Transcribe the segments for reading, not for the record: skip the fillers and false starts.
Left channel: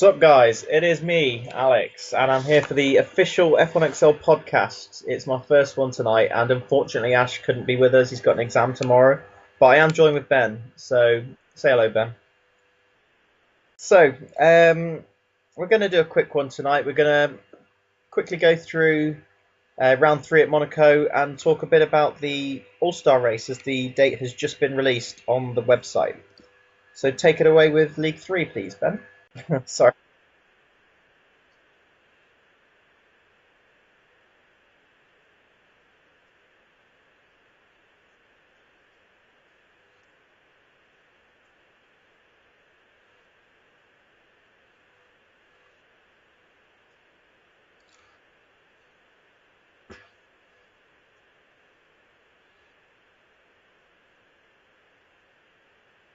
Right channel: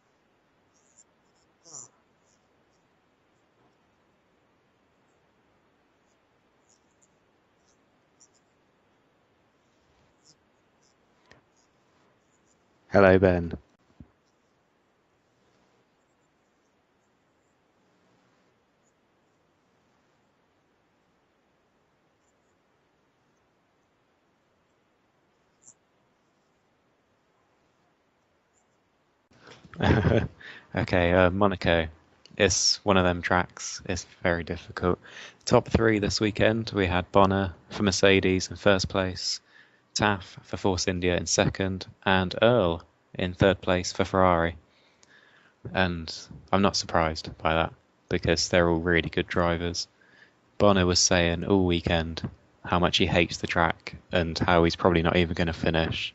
What's up, guys? It is me, Alex, and I'm here for the official F1XL podcast. It's my first one tonight, and unfortunately, Ash couldn't be with us. He's got an exam tomorrow, but I am joined with Ben. So, say hello, Ben. Hello, Ben. So, we're going to do a quick one tonight. We're going to quickly go through round three at Monaco and talk a bit about the All-Star race as the date has just been released on the website. So, take it away with League 3, please, Ben. Sorry. Okay, Monaco. It's one of them tracks. It's very difficult. Top three this weekend. We had Bonner for Mercedes in first place, Taff for Force India in second, and Earl in third place for Ferrari. And I'm not surprised by that because they're all really good drivers. Bonner was saying all weekend how much he hates the track and how he's probably not even going to finish.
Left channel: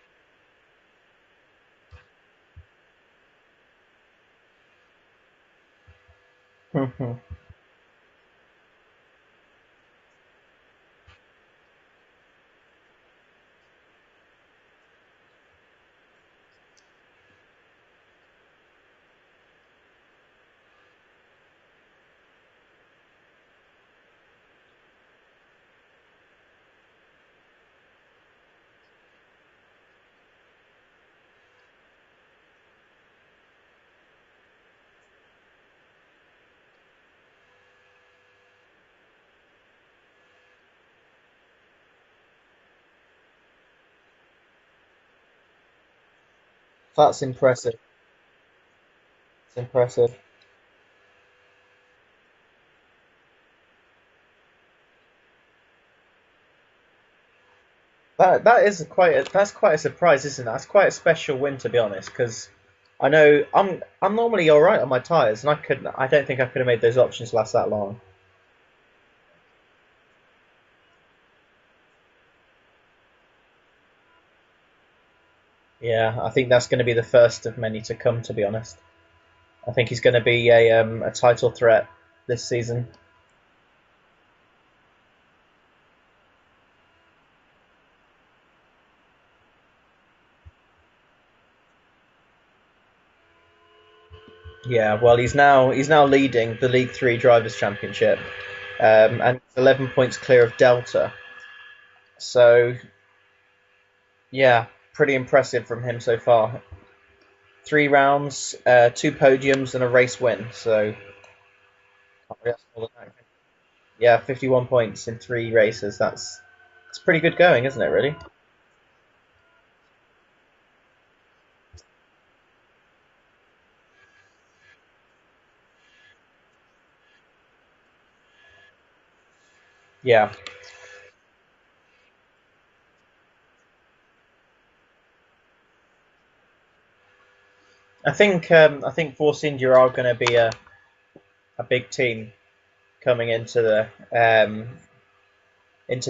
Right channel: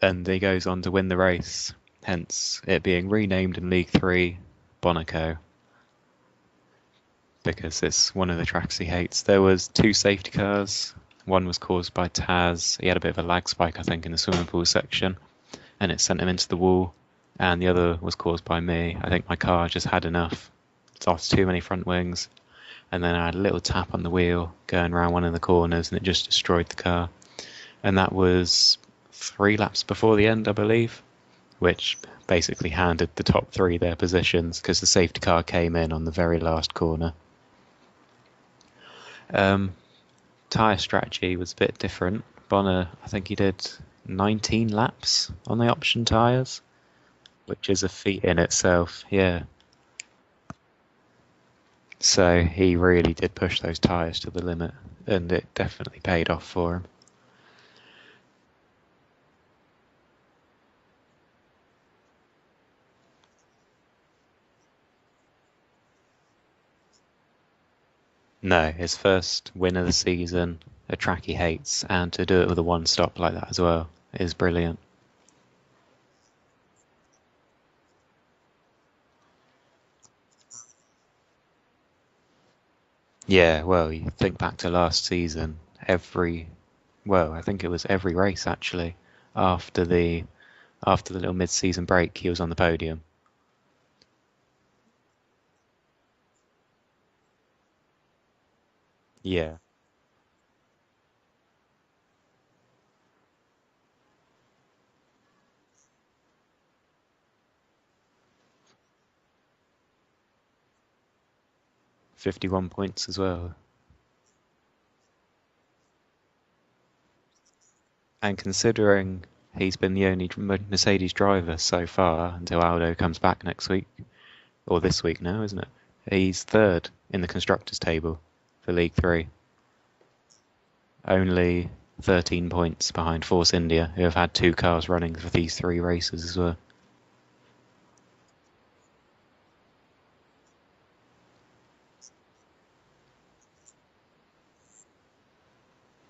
And he goes on to win the race, hence it being renamed in League 3 Monaco, because it's one of the tracks he hates. There was two safety cars. One was caused by Taz. He had a bit of a lag spike, I think, in the swimming pool section, and it sent him into the wall. And the other was caused by me. I think my car just had enough. It's lost too many front wings. And then I had a little tap on the wheel going around one of the corners, and it just destroyed the car. And that was 3 laps before the end, I believe, which basically handed the top three their positions because the safety car came in on the very last corner. Tyre strategy was a bit different. Bonner, I think he did 19 laps on the option tyres. That's impressive. Which is a feat in itself, yeah. It's impressive. So he really did push those tyres to the limit, and it definitely paid off for him. That's quite a surprise, isn't it? That's quite a special win, to be honest, because I know I'm normally all right on my tyres, and I don't think I could have made those options last that long. No, his first win of the season, a track he hates, and to do it with a one stop like that as well is brilliant. Yeah, I think that's going to be the first of many to come, to be honest. I think he's going to be a title threat this season. Yeah, well, you think back to last season, I think it was every race actually, after the little mid-season break, he was on the podium. Yeah, well, he's now leading the League 3 Drivers' Championship, and Yeah. 11 points clear of Delta. So, yeah, pretty impressive from him so far. 3 rounds, 2 podiums, and a race win. So 51 points as well. Yeah, 51 points in 3 races. It's pretty good going, isn't it, really? And considering he's been the only Mercedes driver so far until Aldo comes back next week, or this week now, isn't it? He's third in the constructors table for League 3. Yeah. Only 13 points behind Force India, who have had 2 cars running for these 3 races as well. I think Force India are going to be a big team coming into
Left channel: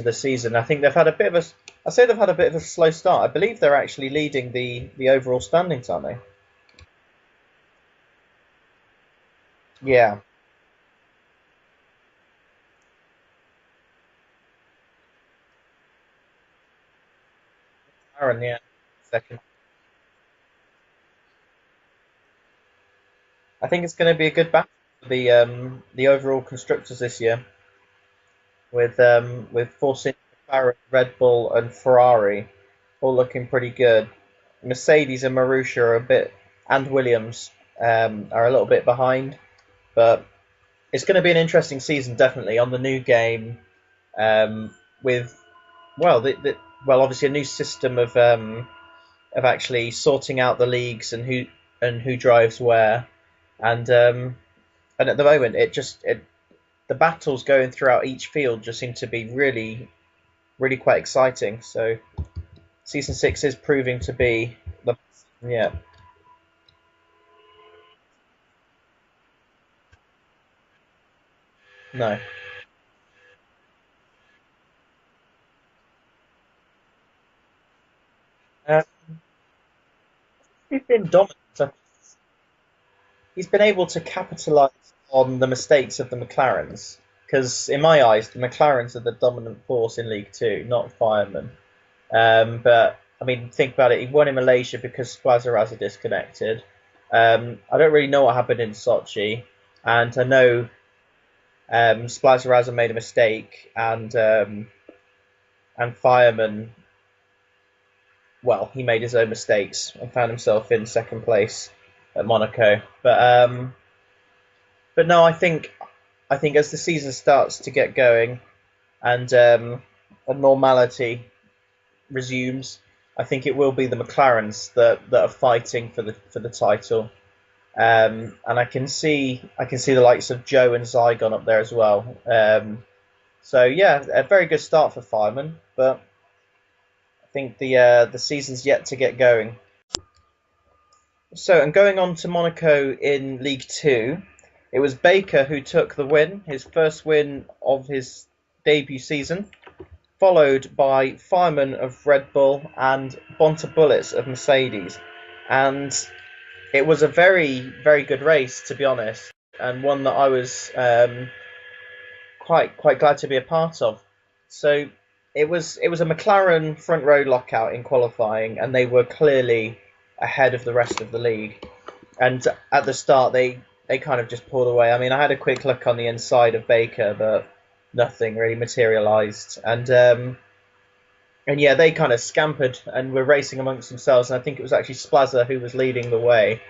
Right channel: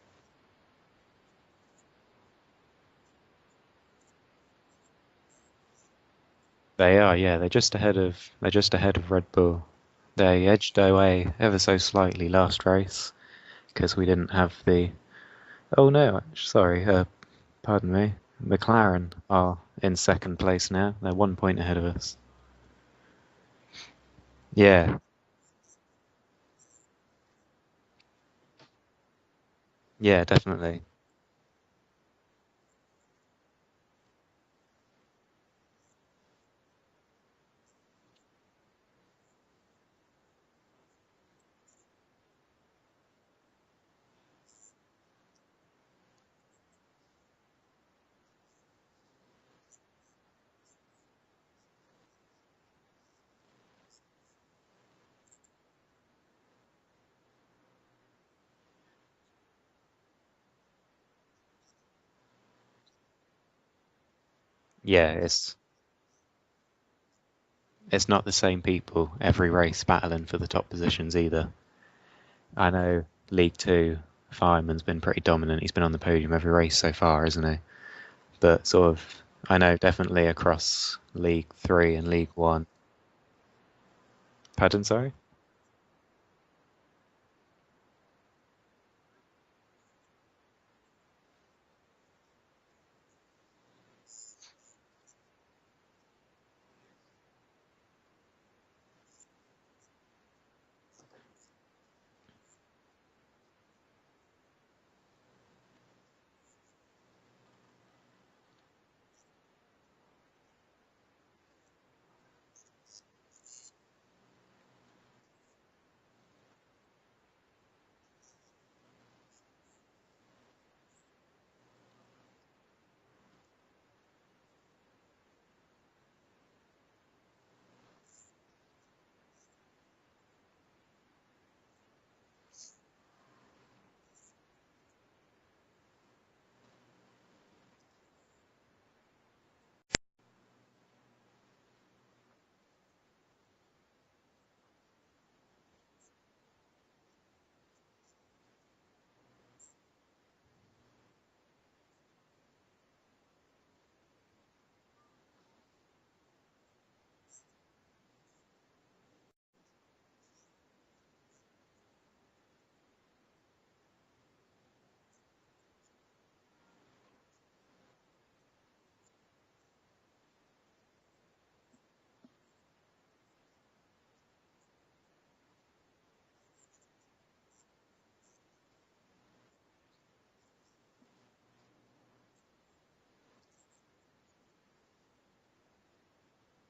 the season. I think they've had a bit of a slow start. I believe they're actually leading the overall standings, aren't they? They are, yeah. They're just ahead of Red Bull. Yeah. They edged away ever so slightly last race because we didn't have the. Oh no, sorry. Pardon me. McLaren are in second place now. They're 1 point ahead of us. I think it's going to be a good battle for the overall constructors this year. With Force India, definitely. Red Bull, and Ferrari all looking pretty good. Mercedes and Marussia and Williams are a little bit behind, but it's going to be an interesting season, definitely, on the new game, with obviously a new system of actually sorting out the leagues and who drives where, and at the moment the battles going throughout each field just seem to be really, really quite exciting. So season 6 is proving to be It's not the same people every race battling for the top positions either. No. I know League 2, Fireman's been pretty dominant. He's been on the podium every race so far, isn't he? But I know definitely across League 3 and League 1. He's been able to capitalise on the mistakes of the McLarens. Because in my eyes, the McLarens are the dominant force in League 2, not Fireman. But, I mean, think about it. He won in Malaysia because Splazaraz are disconnected. I don't really know what happened in Sochi, and I know Splazzarazza made a mistake, and Fireman, well, he made his own mistakes and found himself in second place at Monaco. But no, I think as the season starts to get going and a normality resumes, I think it will be the McLarens that are fighting for the title. And I can see the likes of Joe and Zygon up there as well. So yeah, a very good start for Fireman, but I think the season's yet to get going. So, and going on to Monaco in League Two, it was Baker who took the win, his first win of his debut season, followed by Fireman of Red Bull and Bonta Bullets of Mercedes. And it was a very, very good race, to be honest, and one that I was quite glad to be a part of. So it was a McLaren front row lockout in qualifying, and they were clearly ahead of the rest of the league. And at the start, they kind of just pulled away. I mean, I had a quick look on the inside of Baker, but nothing really materialised. And yeah, they kind of scampered and were racing amongst themselves. And I think it was actually Splazza who was leading the way,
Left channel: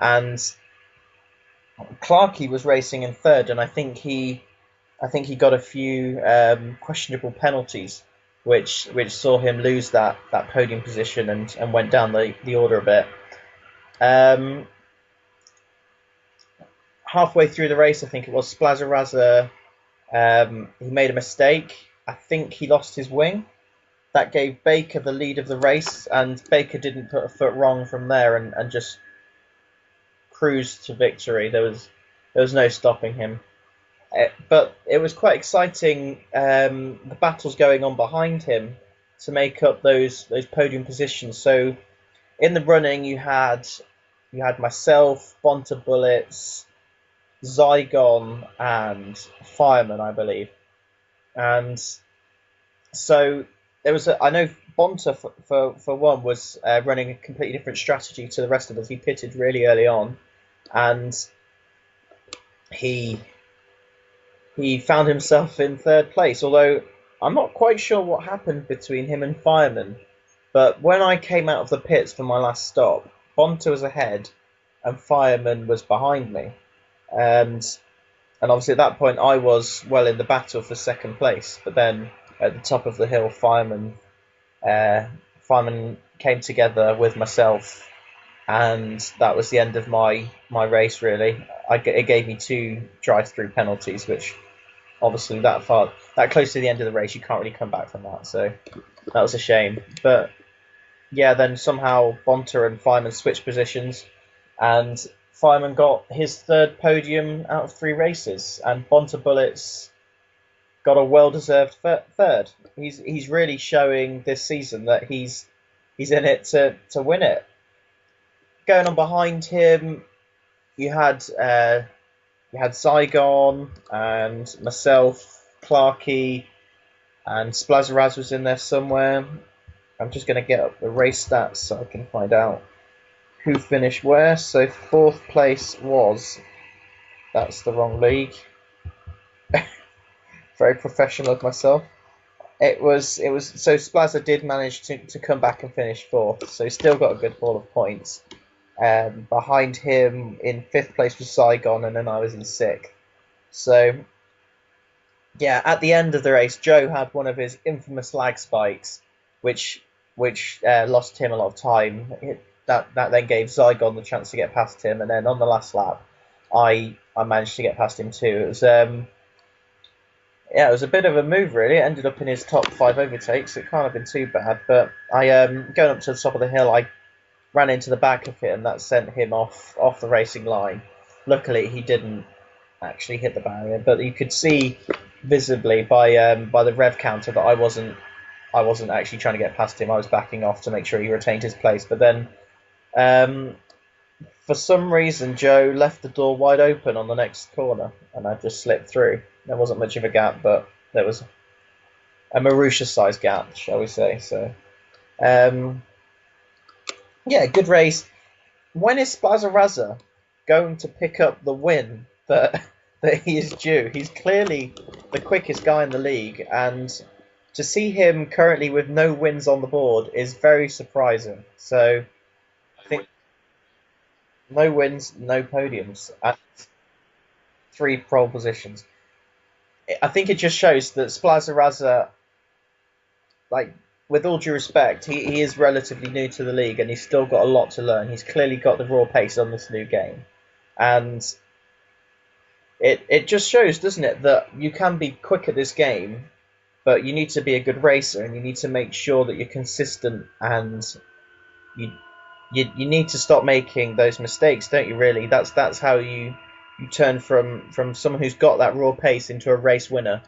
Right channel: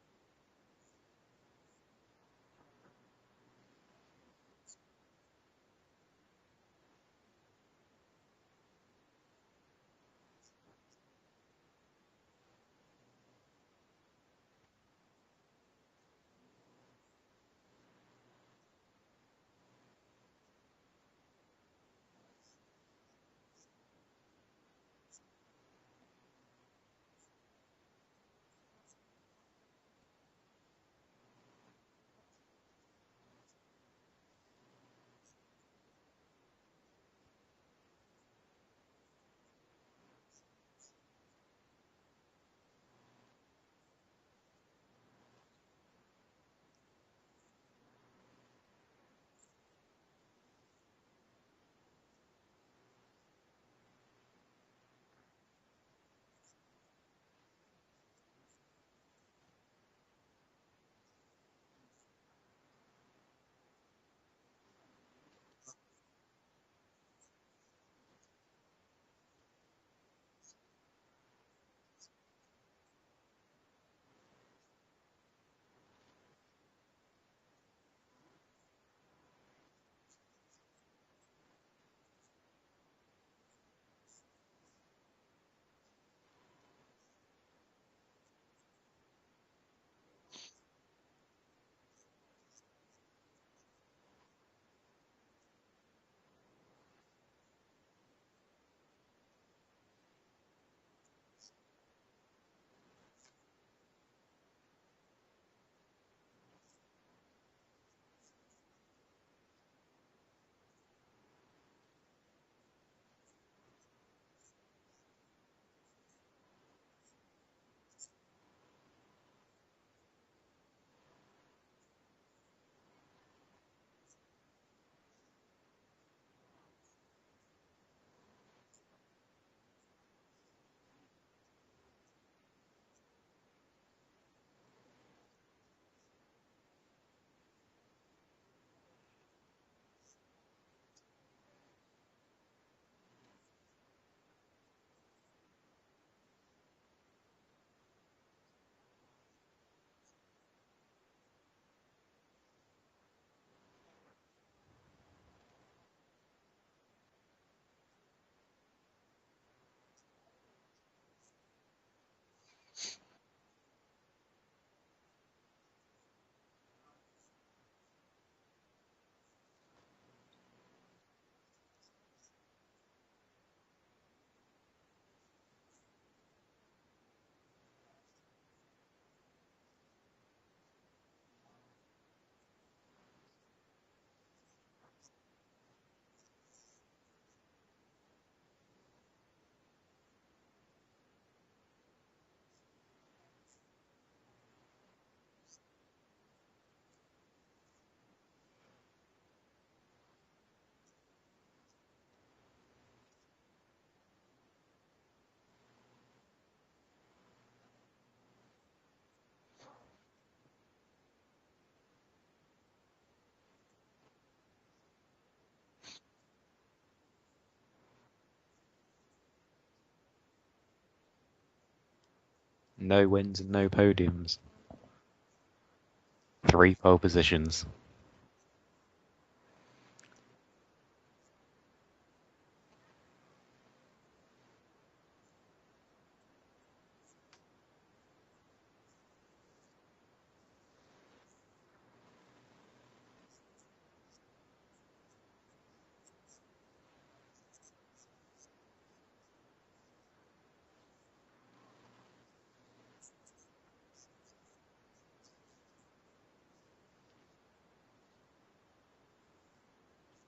and Clarkey was racing in third. And I think he got a few questionable penalties, which saw him lose that podium position and went down the order a bit. Um, Halfway through the race, I think it was Splazzarazza. He made a mistake. I think he lost his wing. That gave Baker the lead of the race, and Baker didn't put a foot wrong from there and just cruised to victory. There was no stopping him. But it was quite exciting. The battles going on behind him to make up those podium positions. So in the running, you had myself, Bonta Bullets, Zygon, and Fireman, I believe. And so I know Bonta for one was running a completely different strategy to the rest of us. He pitted really early on, and he he found himself in third place. Although I'm not quite sure what happened between him and Fireman, but when I came out of the pits for my last stop, Bonta was ahead, and Fireman was behind me, and and obviously at that point I was well in the battle for second place. But then at the top of the hill, uh, Fireman came together with myself, and that was the end of my race. Really, it gave me two drive-through penalties, which obviously that close to the end of the race, you can't really come back from that. So that was a shame. But yeah, then somehow Bonta and Fireman switched positions, and Fireman got his third podium out of three races, and Bonta Bullets got a well-deserved third. He's really showing this season that he's in it to win it. Going on behind him, you had Zygon and myself, Clarkey, and Splazzaraz was in there somewhere. I'm just going to get up the race stats so I can find out who finished where. So fourth place was, that's the wrong league. Very professional of myself. It was so Splazza did manage to come back and finish fourth, so he still got a good haul of points. Behind him in fifth place was Zygon, and then I was in sixth. So yeah, at the end of the race, Joe had one of his infamous lag spikes, which lost him a lot of time. That then gave Zygon the chance to get past him, and then on the last lap, I managed to get past him too. It was a bit of a move really. It ended up in his top five overtakes. It can't have been too bad, but I going up to the top of the hill, I ran into the back of him, and that sent him off the racing line. Luckily, he didn't actually hit the barrier, but you could see visibly by the rev counter that I wasn't actually trying to get past him. I was backing off to make sure he retained his place. But then, um, for some reason, Joe left the door wide open on the next corner, and I just slipped through. There wasn't much of a gap, but there was a Marussia-sized gap, shall we say? So, um, yeah, good race. when is Splazaraza going to pick up the win that that he is due? He's clearly the quickest guy in the league, and to see him currently with no wins on the board is very surprising. So I think No wins and no podiums. no wins, no podiums, and 3 pole positions. three pole positions. I think it just shows that Splazaraza, like with all due respect, he is relatively new to the league and he's still got a lot to learn. He's clearly got the raw pace on this new game, and it just shows, doesn't it, that you can be quick at this game, but you need to be a good racer and you need to make sure that you're consistent and you you need to stop making those mistakes, don't you? Really, that's how you turn from someone who's got that raw pace into a race winner.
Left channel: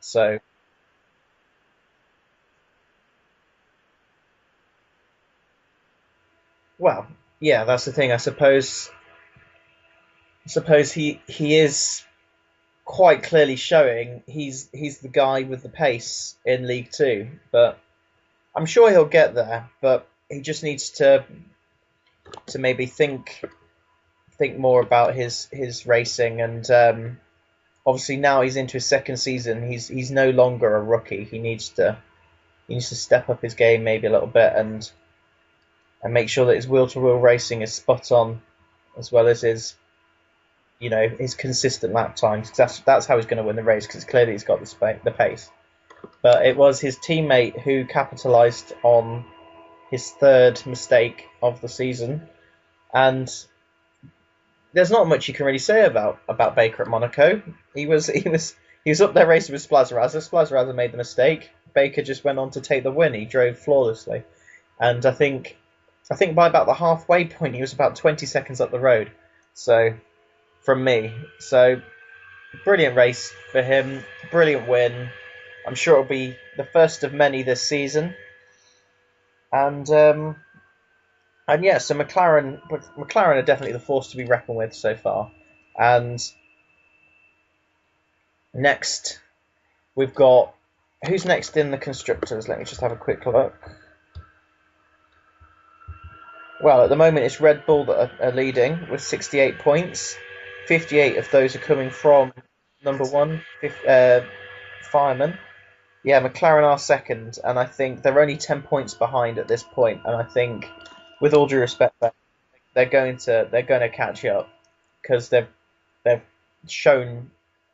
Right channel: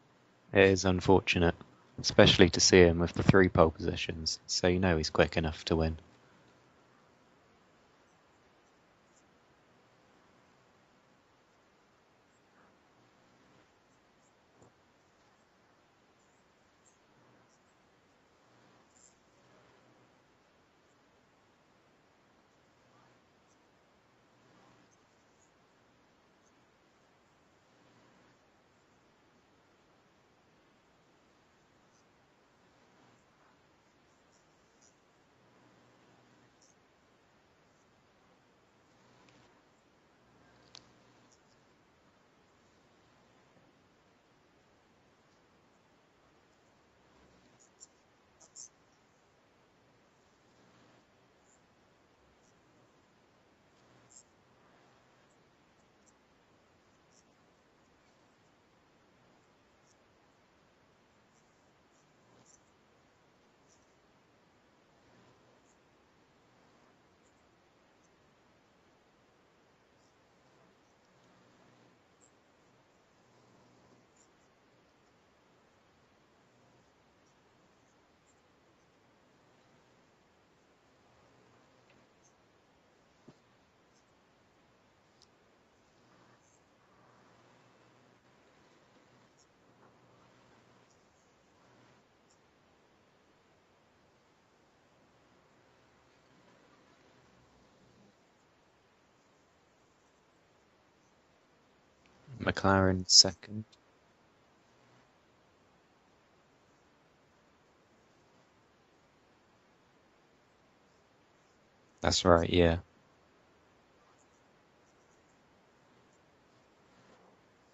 So, It is unfortunate, especially to see him with the 3 pole positions, so you know he's quick enough to win. well, yeah, that's the thing. I suppose he is quite clearly showing he's the guy with the pace in League Two, but I'm sure he'll get there. But he just needs to maybe think more about his racing, and obviously now he's into his second season. He's no longer a rookie. He needs to step up his game maybe a little bit and make sure that his wheel to wheel racing is spot on, as well as his consistent lap times. That's how he's going to win the race, because clearly he's got the pace. But it was his teammate who capitalised on his third mistake of the season, and there's not much you can really say about Baker at Monaco. He was up there racing with Splazaraza. Splazaraza made the mistake. Baker just went on to take the win. He drove flawlessly, and I think by about the halfway point he was about 20 seconds up the road. So from me, so brilliant race for him, brilliant win. I'm sure it'll be the first of many this season, and yeah, so McLaren are definitely the force to be reckoned with so far. And next, we've got who's next in the constructors? Let me just have a quick look. Well, at the moment it's Red Bull that are leading with 68 points. 58 of those are coming from number McLaren's one, second. fireman. Yeah, McLaren are second, and I think they're only 10 points behind at this point. And I think, with all due respect, That's right, yeah. they're going to catch up, because they've shown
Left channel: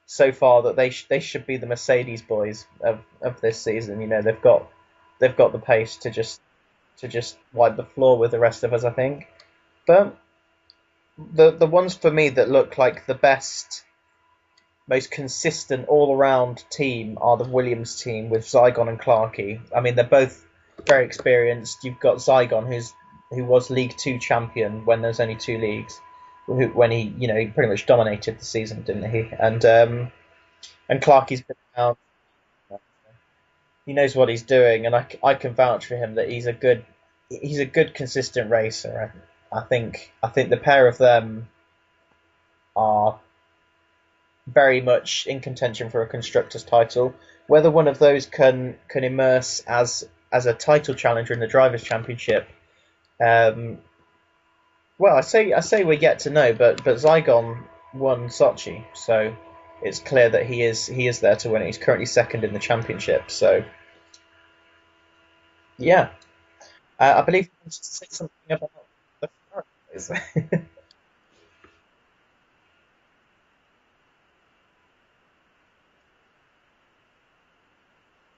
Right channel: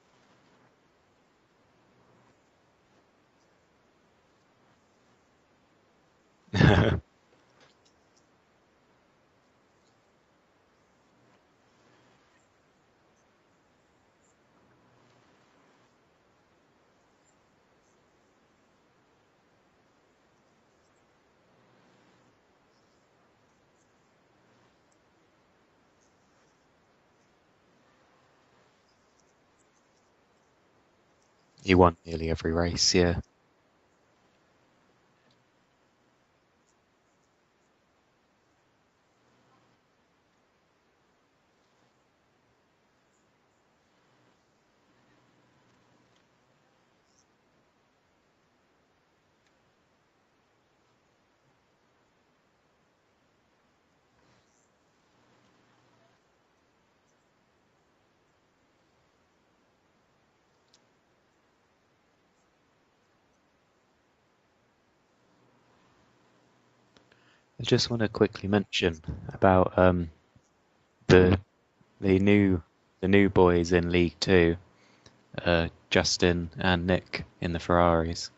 so far that they should be the Mercedes boys of this season. They've got the pace to just wipe the floor with the rest of us, I think. But the ones for me that look like the best, most consistent all around team are the Williams team with Zygon and Clarkey. I mean, they're both very experienced. You've got Zygon, who was League Two champion when there's only two leagues, when he pretty much dominated the season, didn't he? And Clarkey's been He won around. nearly every race, yeah. He knows what he's doing, and I can vouch for him that he's a good consistent racer. I think the pair of them are very much in contention for a constructors title. Whether one of those can immerse as a title challenger in the drivers' championship, um, well, I say we're yet to know. But Zygon won Sochi, so it's clear that he is there to win it. He's currently second in the championship, so yeah, I believe. I just want to quickly mention about The the the new the new boys in League Two, Justin and Nick in the Ferraris.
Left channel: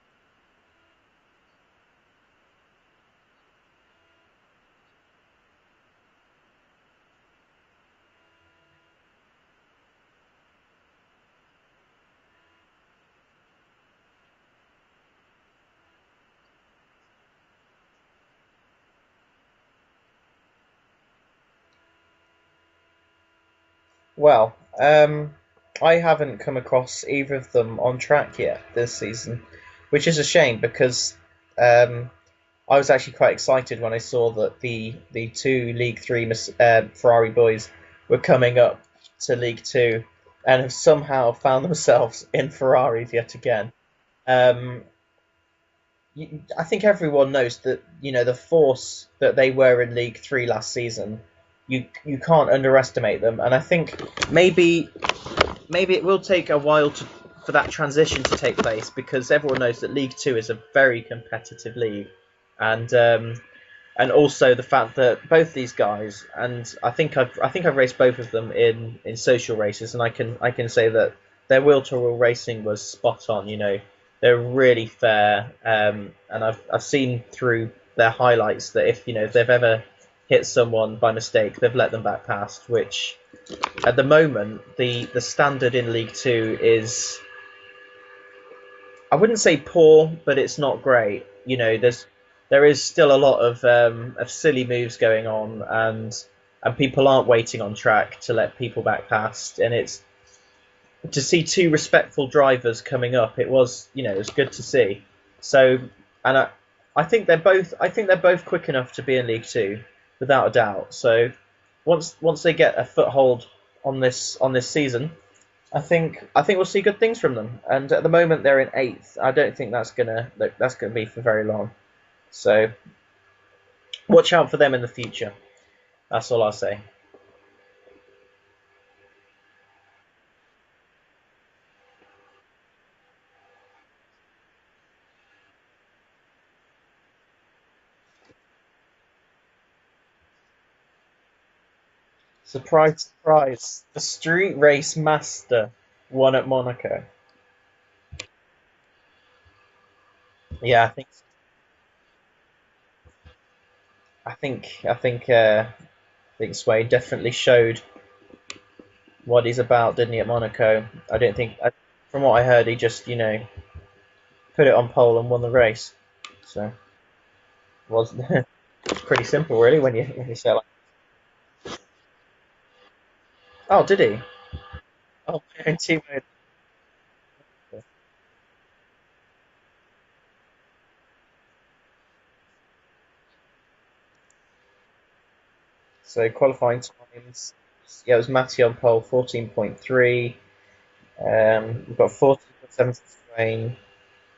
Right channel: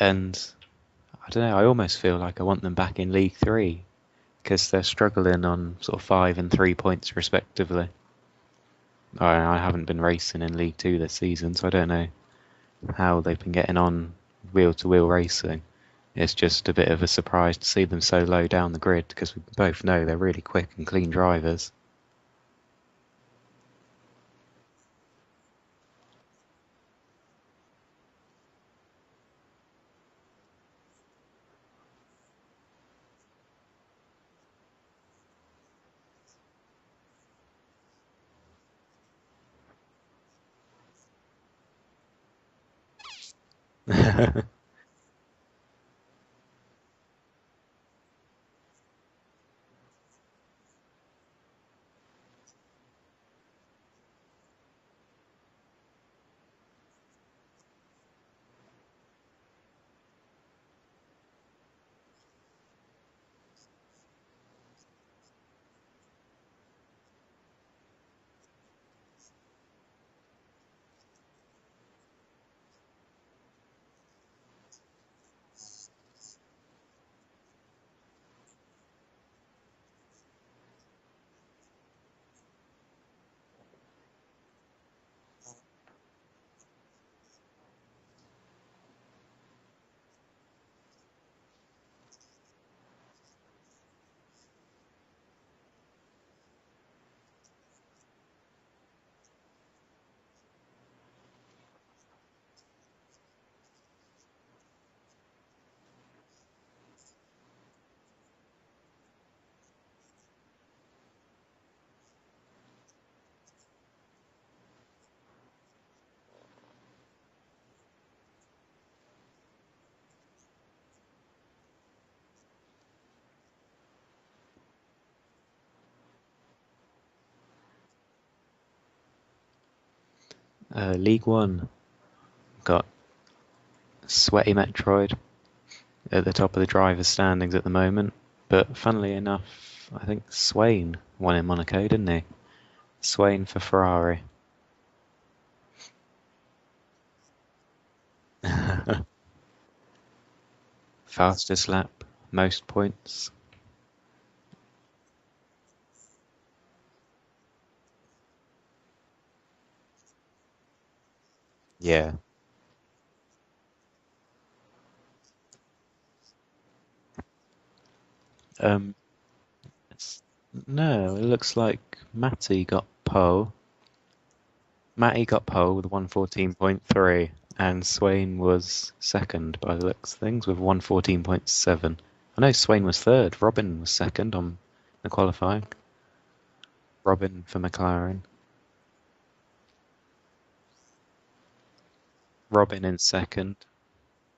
And I don't know, I almost feel like I want them back in League Three because they're struggling on sort of 5 and 3 points respectively. I haven't been racing in League Two this season, so I don't know how they've been getting on wheel-to-wheel racing. It's just a bit of a surprise to see them so low down the grid because we both know they're really quick and clean drivers. Well, I haven't come across either of them on track yet this season, which is a shame, because I was actually quite excited when I saw that the two League Three Ferrari boys were coming up to League Two and have somehow found themselves in Ferraris yet again. Um, I think everyone knows that the force that they were in League Three last season. You can't underestimate them, and I think maybe maybe it will take a while for that transition to take place because everyone knows that League Two is a very competitive league, and also the fact that both these guys, and I think I've raced both of them in social races, and I can say that their will to will racing was spot on. They're really fair, and I've seen through their highlights that if they've ever hit someone by mistake, they've let them back past, which at the moment the standard in League Two is, I wouldn't say poor, but it's not great. There is still a lot of silly moves going on, and people aren't waiting on track to let people back past, and it's to see two respectful drivers coming up. It was good to see. So, and I think they're both quick enough to be in League Two, without a doubt. So, once they get a foothold on this season, I think we'll see good things from them. And at the moment they're in eighth. I don't think that's gonna be for very long. So watch out for them in the future. That's all I'll say. League One got Sweaty Metroid at the top of the drivers' standings at the moment. But funnily enough, I think Swain won in Monaco, didn't he? Surprise, Swain for surprise! The Ferrari. street race master won at Monaco. Yeah, Fastest lap, most points. I think Sway definitely showed what he's about, didn't he, at Monaco? I don't think, Yeah. from what I heard, he just put it on pole and won the race. So it was Um, pretty simple, really, when you say it like. no, it looks like Matty got pole. Oh, did he? Matty got pole with Team. 114.3, and Swain was second by the looks of things with 114.7. I know Swain was third. Robin was second on the qualifying. So qualifying Robin times. for Yeah, it McLaren. was Matty on pole, 14.3. We've got Robin 14.7 in for second. Swain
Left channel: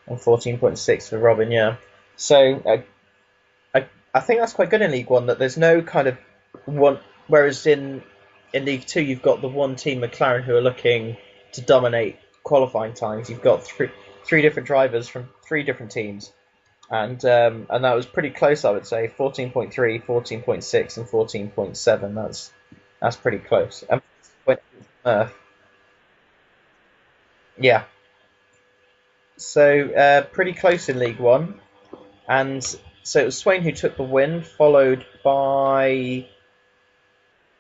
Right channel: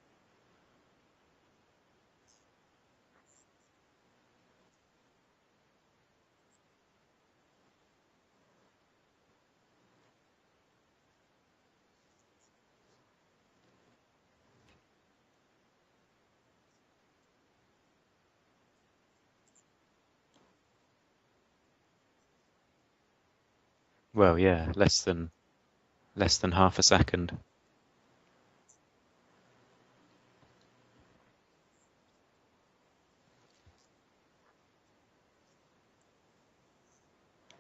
and 14.6 for Robin. Yeah. So I think that's quite good in League One, that there's no kind of one. Whereas in League Two, you've got the one team McLaren who are looking to dominate qualifying times. You've got three different drivers from three different teams, and that was pretty close, I would say. 14.3, 14.6, and 14.7. That's pretty close. And Well, when yeah, uh, less than half a second. yeah, so pretty close in League One, and so it was Swain who took the win, followed by,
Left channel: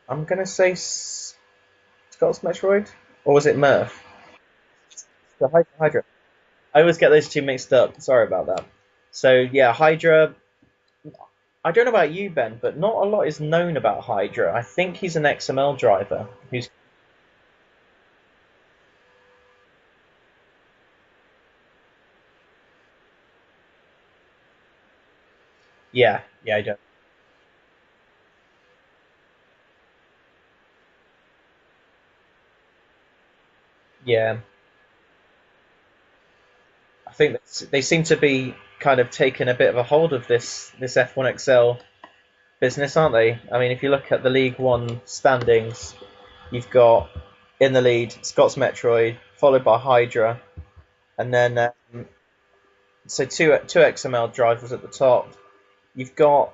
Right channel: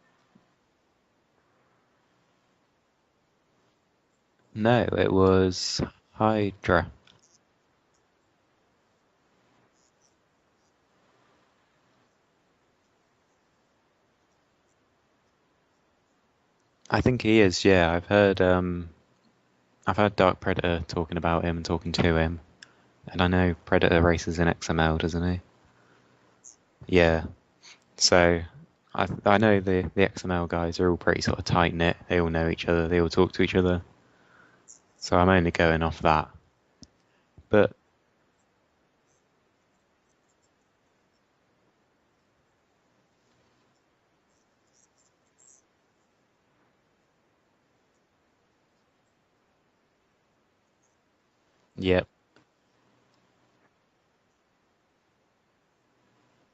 I'm gonna say, Scott's Metroid, or was it Murph? No, it The was Hydra. I Hydra. always get those two mixed up. Sorry about that. So yeah, Hydra. I don't know about you, Ben, but not a lot is known about Hydra. I think he's an XML driver who's. I think he is, yeah. I've heard Dark Predator talking about him and talking to him. And I know Predator races in XML, doesn't he? Yeah, yeah, I don't. Yeah. So I know the XML guys are all pretty sort of tight knit. They all know each other. They all talk to each other. Yeah, So I'm only going off that. I think But they seem to be kind of taking a bit of a hold of this F1XL business, aren't they? I mean, if you look at the League One standings, you've got in the lead Scott's Metroid, followed by Hydra, and then yeah, so two XML drivers at the top. You've got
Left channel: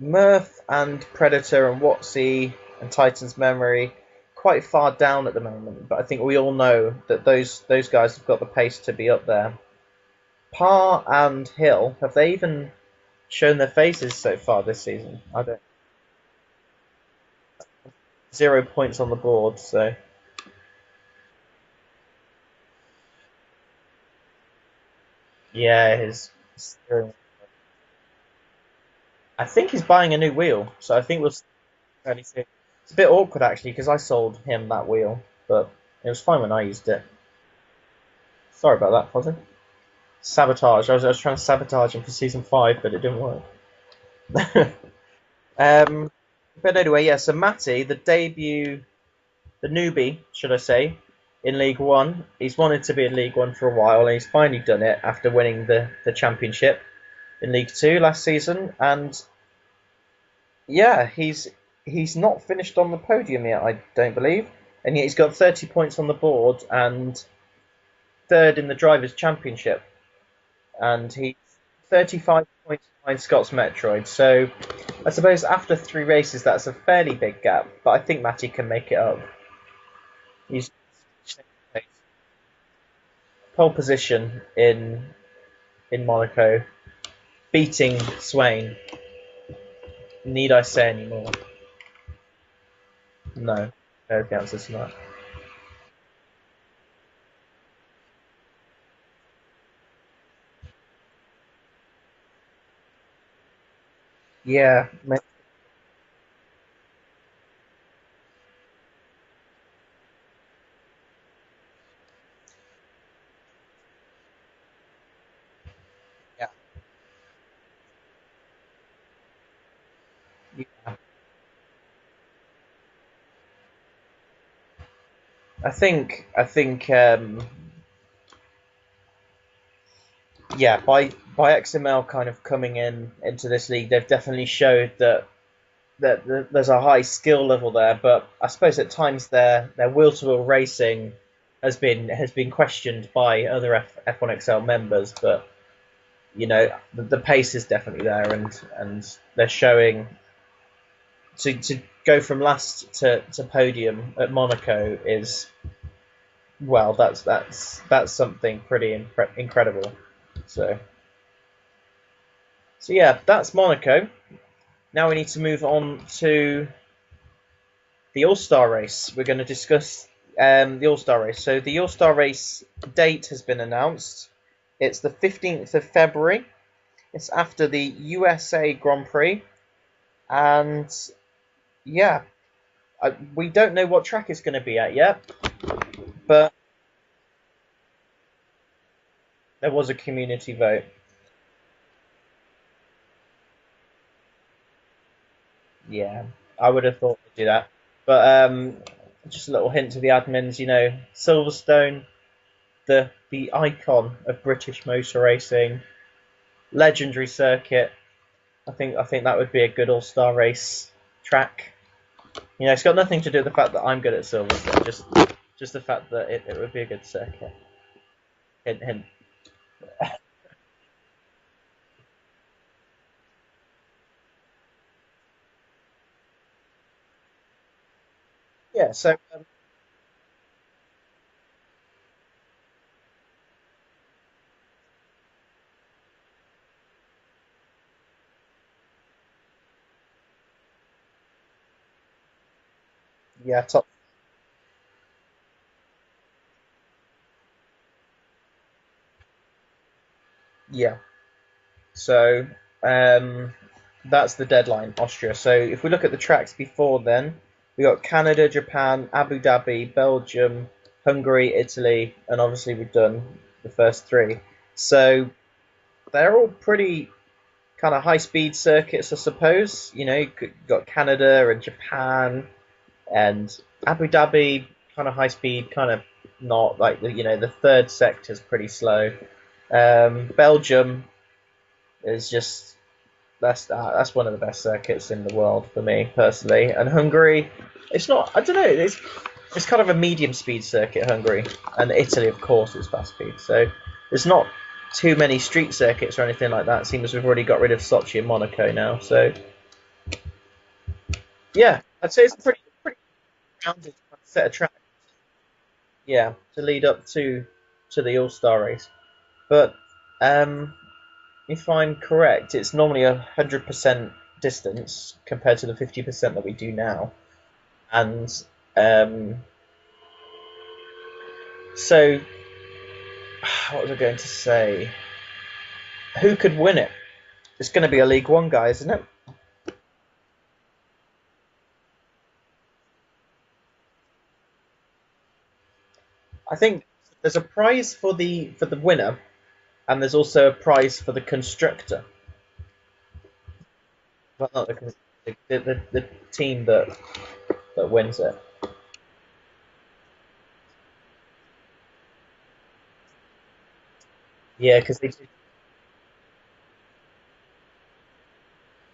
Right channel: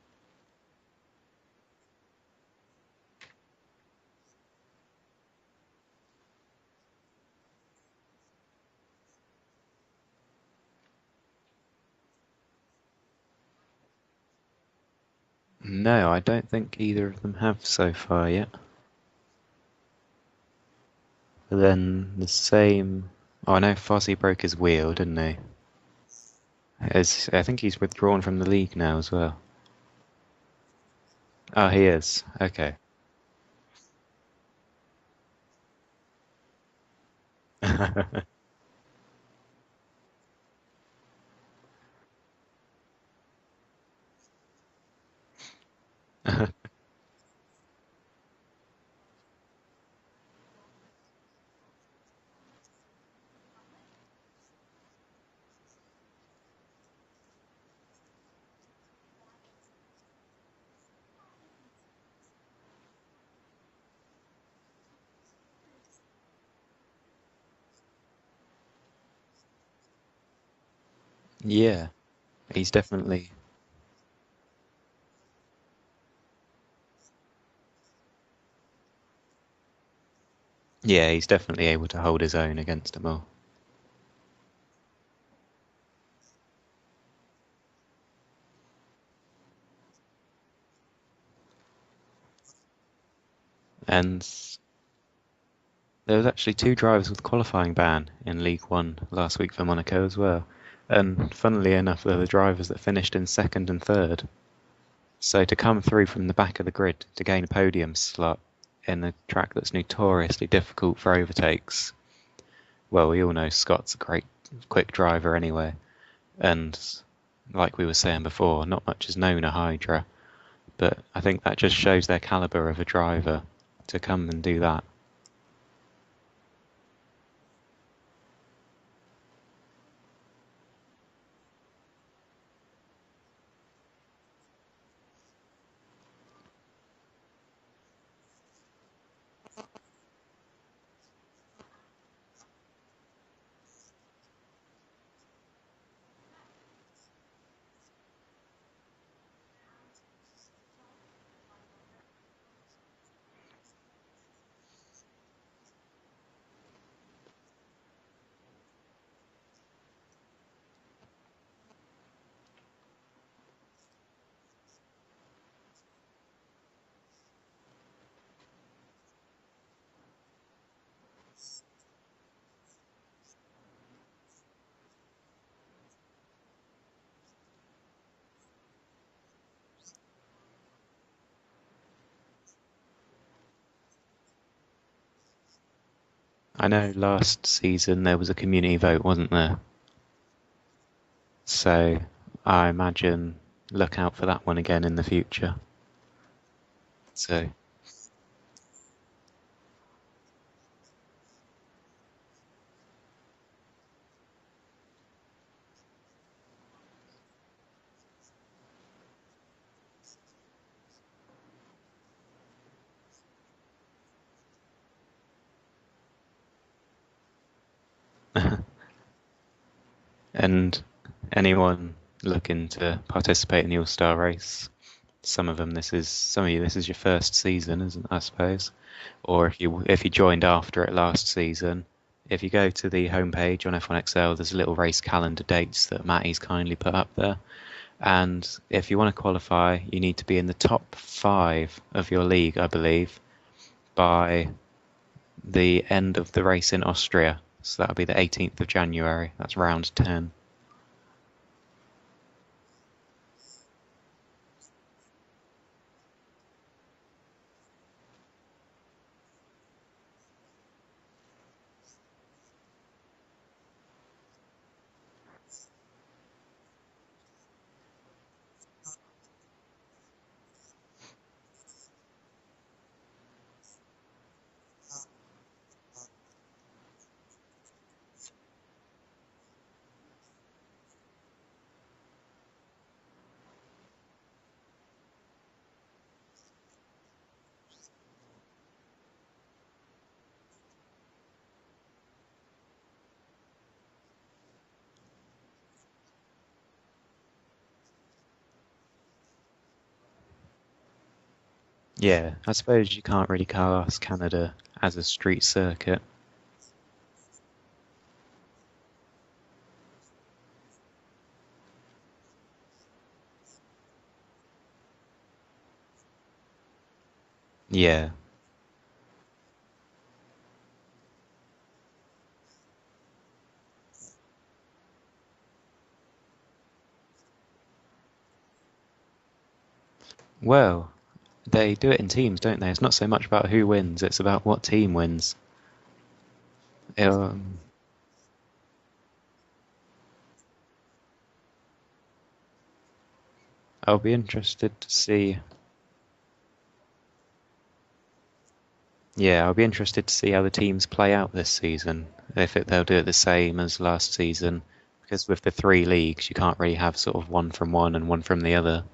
Murph and Predator and Watsy and Titan's Memory quite far down at the moment, but I think we all know that those guys have got the pace to be up there. Parr and Hill, have they even shown their faces so far this season? I don't. no, I don't think either of them have so far yet. 0 points on the board, so But then the same. Oh, I know Fozzie broke his wheel, didn't he? yeah, his still. I think he's withdrawn from the league now as well. I think he's buying a new wheel, so I think we'll see Oh, he fairly is. soon. Okay. It's a bit awkward actually because I sold him that wheel, but it was fine when I used it. Sorry about that, Fozzie. Sabotage. I was trying to sabotage him for season 5, but it didn't work. um, but anyway, yeah. So Matty, the newbie, should I say, in League One. He's wanted to be in League One for a while, and he's finally done it after winning the championship in League Two last season. And yeah, he's not finished on the podium yet, I don't believe, and yet he's got 30 points on the board and third in the drivers' championship, and he's Yeah, 35 he's points behind definitely Scott's Metroid. So I suppose after 3 races, that's a fairly big gap, but I think Matty can make it up. He's yeah, he's definitely able to hold his own against them all. pole position in Monaco, beating Swain. Need I say any more? No. And There's the answer to that. there was actually 2 drivers with qualifying ban in League One last week for Monaco as well. And funnily enough, they're the drivers that finished in second and third. Yeah, So to come through from the back of the grid to gain a podium slot in a track that's notoriously difficult for overtakes. Well, we all know Scott's a great quick driver anyway. yeah. And like we were saying before, not much is known of Hydra. But I think that just shows their caliber of a driver to come and do that. I think yeah, by XML kind of coming into this league, they've definitely showed that there's a high skill level there. But I suppose at times their will to will racing has been questioned by other F1XL members. But the pace is definitely there, and they're showing to go from last to podium at Monaco is, well, that's something pretty incredible. So yeah, that's Monaco. Now we need to move on to the All-Star race. We're going to discuss the All-Star race. So the All-Star race date has been announced. It's the 15th of February. It's after the USA Grand Prix. And yeah, we don't know what track it's going to be at yet. But I know last season there was a community vote, wasn't there? there was a community vote. So I imagine look out for that one again in the future. Yeah, I would have thought to do So that. But just a little hint to the admins, Silverstone, the icon of British motor racing, legendary circuit. I think that would be a good all-star race track. It's got nothing to do with the fact that I'm good at Silverstone, just the fact that it would be a good circuit. Hint, hint. and anyone looking to participate in the All-Star race, some of you this is your first season, isn't it, I suppose? Yeah, so Or if you joined after it last season, if you go to the homepage on F1XL, there's a little race calendar dates that Matty's kindly put up there. And if you want to qualify, you need to be in the top 5 of your league, I believe, yeah, top. by the end of the race in Austria. So that'll be the 18th of January. That's round 10. Yeah. So that's the deadline, Austria. So if we look at the tracks before then, we got Canada, Japan, Abu Dhabi, Belgium, Hungary, Italy, and obviously we've done the first 3. So they're all pretty kind of high speed circuits, I suppose. You've got Canada and Japan and Abu Dhabi, kind of high speed, kind of not like the third sector is pretty slow. Belgium is just that's one of the best circuits in the world for me personally. And Hungary, it's not. I don't know. It's kind of a medium speed circuit, Hungary, and Italy, of course, is fast speed. So there's not too many street circuits or anything like that. It seems we've already got rid of Sochi and Monaco now. So yeah, I'd say Yeah, it's I pretty suppose you can't really class set Canada of track. as a street circuit. Yeah, to lead up to the All Star race. But if I'm correct, it's normally 100% distance compared to the 50% that we do now. Yeah. And um, so, what was I going to say? Who could win it? It's going to be a League One guy, isn't it? Well, they do it in teams, don't they? It's not so much about who wins, it's about what team wins. I think there's a Um, prize for the winner, and there's also a prize for the constructor. I'll be Well, not interested to see. the team that wins it. Yeah, I'll be interested to see how the teams play out this season. They'll do it the same as last season, Yeah, because because with the three leagues, you can't really have sort of one from one and one from the other.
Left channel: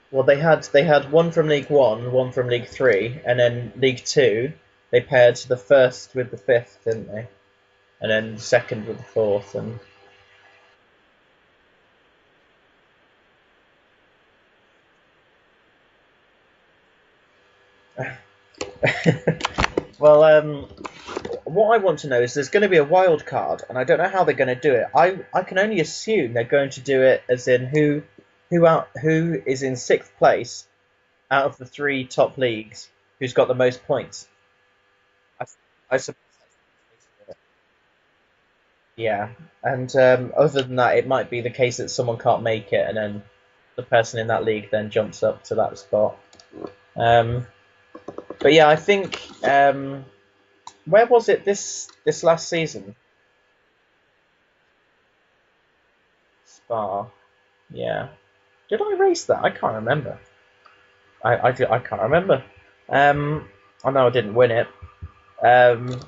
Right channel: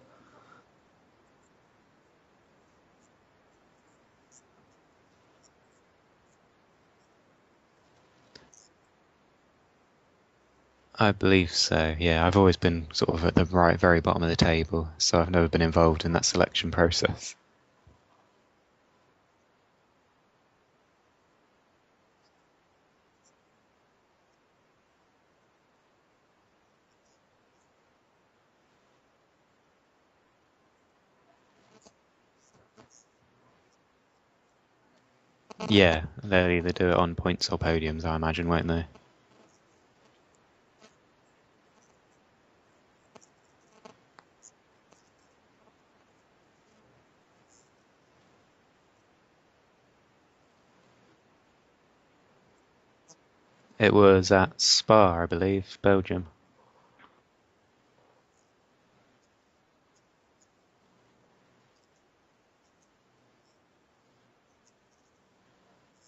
they had one from League One, one from League Three, and then League Two. They paired the first with the fifth, didn't they? And then second with the fourth, and I believe so. Yeah, I've always been sort of at the very bottom of the table, so I've never been involved in that selection process. well, what I want to know is there's going to be a wild card, and I don't know how they're going to do it. I can only assume they're going to do it as in who is in sixth place out of the three top leagues, who's got the most points. I, I Yeah, they'll either do it on points or podiums, I imagine, won't they? yeah, and other than that, it might be the case that someone can't make it, and then the person in that league then jumps up to that spot. Um, but yeah, I think where was it this last season? It was at Spa, I believe, Belgium. Spa. Yeah. Did I race that? I can't remember. I can't remember. I know I didn't win it. Um,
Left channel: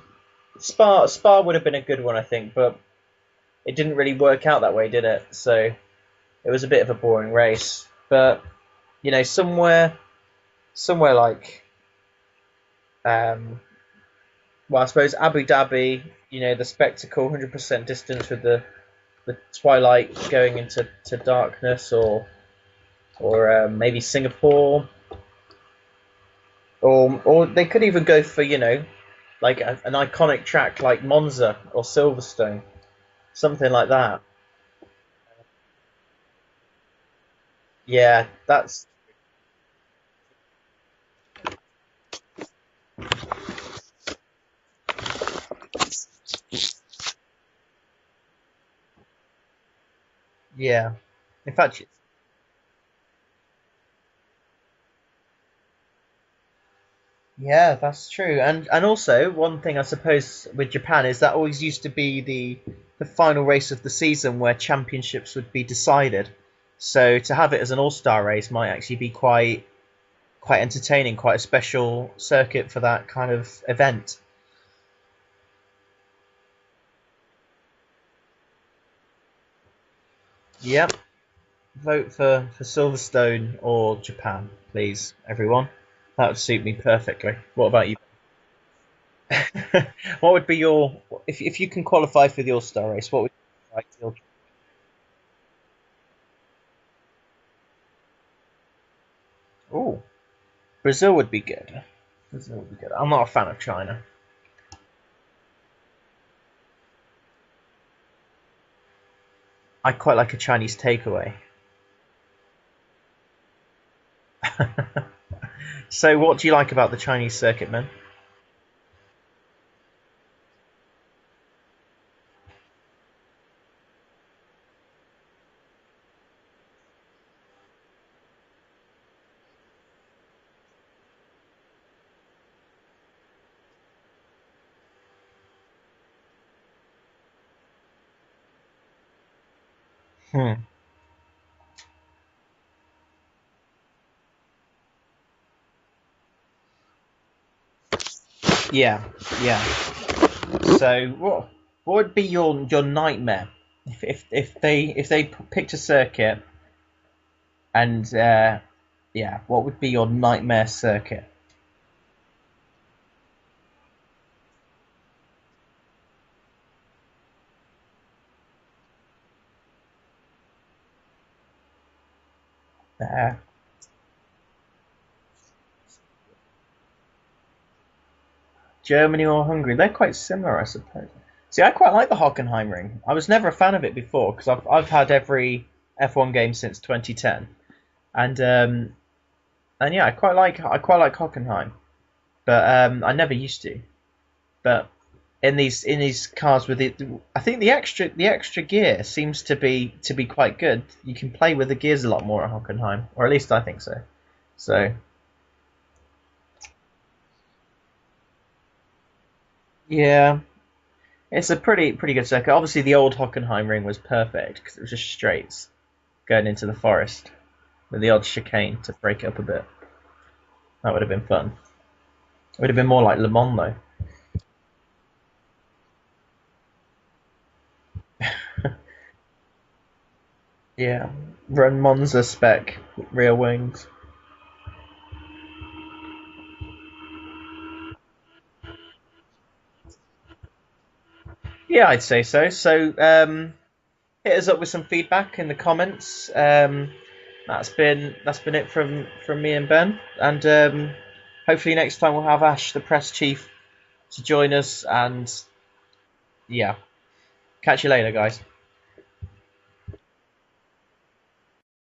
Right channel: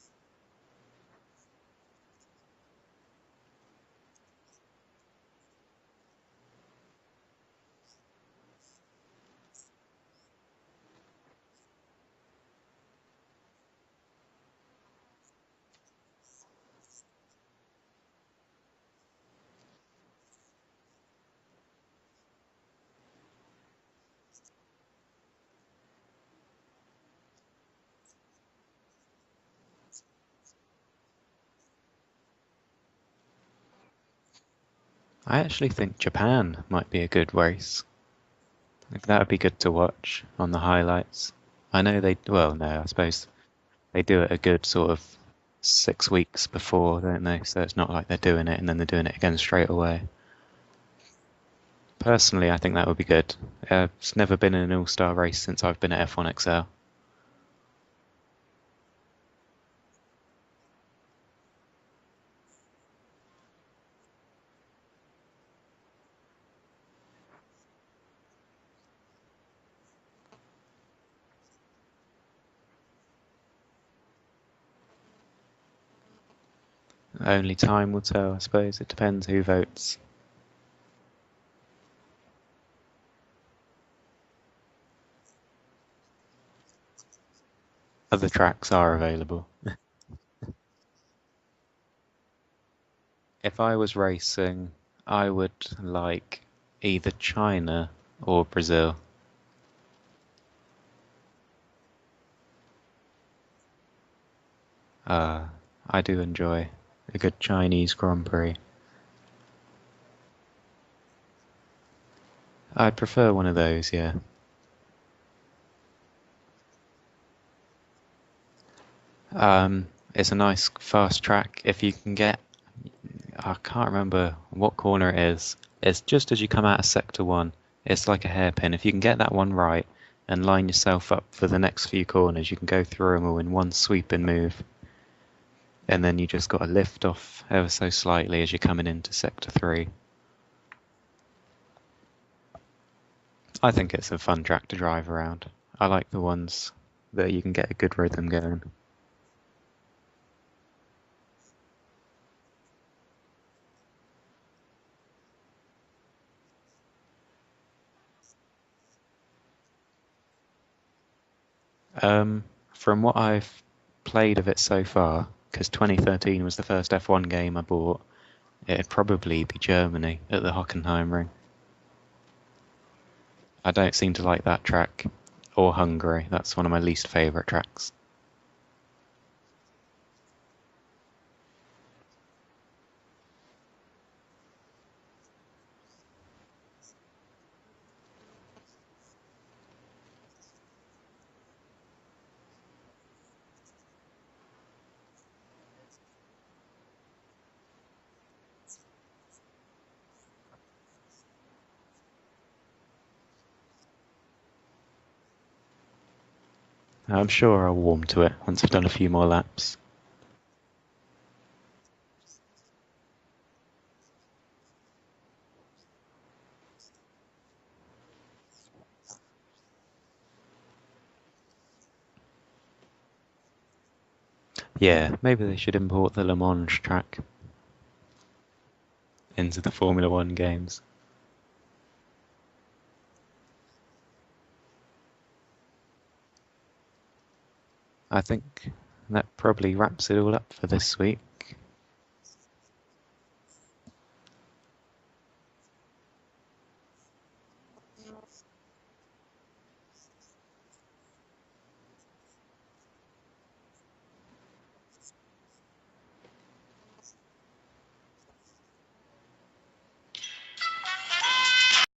Spa would have been a good one, I think, but it didn't really work out that way, did it? So it was a bit of a boring race. But somewhere like um, well, I suppose Abu Dhabi, the spectacle, 100% distance with the twilight going into darkness, or maybe Singapore, or they could even go for like an iconic track like Monza or Silverstone, something like that. I actually think Japan might be a good race. Yeah, that's Like, that would be good to watch on the highlights. I know well, no, I suppose they do it a good sort of 6 weeks before, don't they? So it's not like they're doing it and then they're doing it again straight away. yeah. In fact, Personally, I think that would be good. It's never been an all-star race since I've been at F1XL. yeah, that's true. And also one thing I suppose with Japan is that always used to be the final race of the season where championships would be decided. So to have it as an all-star race might actually be quite entertaining, quite a special circuit for that kind of event. Only time will tell, I suppose. It depends who votes. Yep. Vote for Silverstone or Japan, please, everyone. That would suit me perfectly. What about you? Other tracks are available. What would be your if you can qualify for the All Star race? What would If I you like was for? racing, I would like either China or Brazil. Oh, Brazil would be good. Brazil would be good. I'm not a fan of China. Uh, I do enjoy a good Chinese Grand Prix. I quite like a Chinese takeaway. I'd prefer one of those, yeah. So, what do you like about the Chinese circuit, man? It's a nice fast track. If you can get, I can't remember what corner it is. It's just as you come out of sector one. It's like a hairpin. If you can get that one right and line yourself up for the next few corners, you can go through them all in one sweeping move. And then you just got to lift off ever so slightly as you're coming into sector three. Hmm. I think it's a fun track to drive around. I like the ones that you can get a good rhythm going. Yeah, yeah. So, what would be your nightmare if they picked a circuit and yeah, what would be your nightmare circuit? Um, from what I've played of it so far, because 2013 was the first F1 game I bought, it'd probably be Germany at the Hockenheimring. Uh, I don't seem to like that track. Or Hungary, that's one of my least favourite tracks. Germany or Hungary? They're quite similar, I suppose. See, I quite like the Hockenheimring. I was never a fan of it before because I've had every F1 game since 2010, and yeah, I quite like Hockenheim, but I never used to. But in these cars with it, I think the extra gear seems to be quite good. You can play with the gears a lot more at Hockenheim, or at least I think so. So I'm sure I'll warm to it once I've done a few more laps. yeah, it's a pretty good circuit. Obviously, the old Hockenheimring was perfect because it was just straights going into the forest with the odd chicane to break it up a bit. That would have been fun. It would have been more like Le Mans though. Yeah, maybe they should import the Le Mans track into the Formula One games. Yeah, run Monza spec rear wings. I think that probably wraps it all up for this week. Yeah, I'd say so. So hit us up with some feedback in the comments. That's been it from me and Ben, and hopefully next time we'll have Ash, the press chief, to join us. And yeah, catch you later, guys.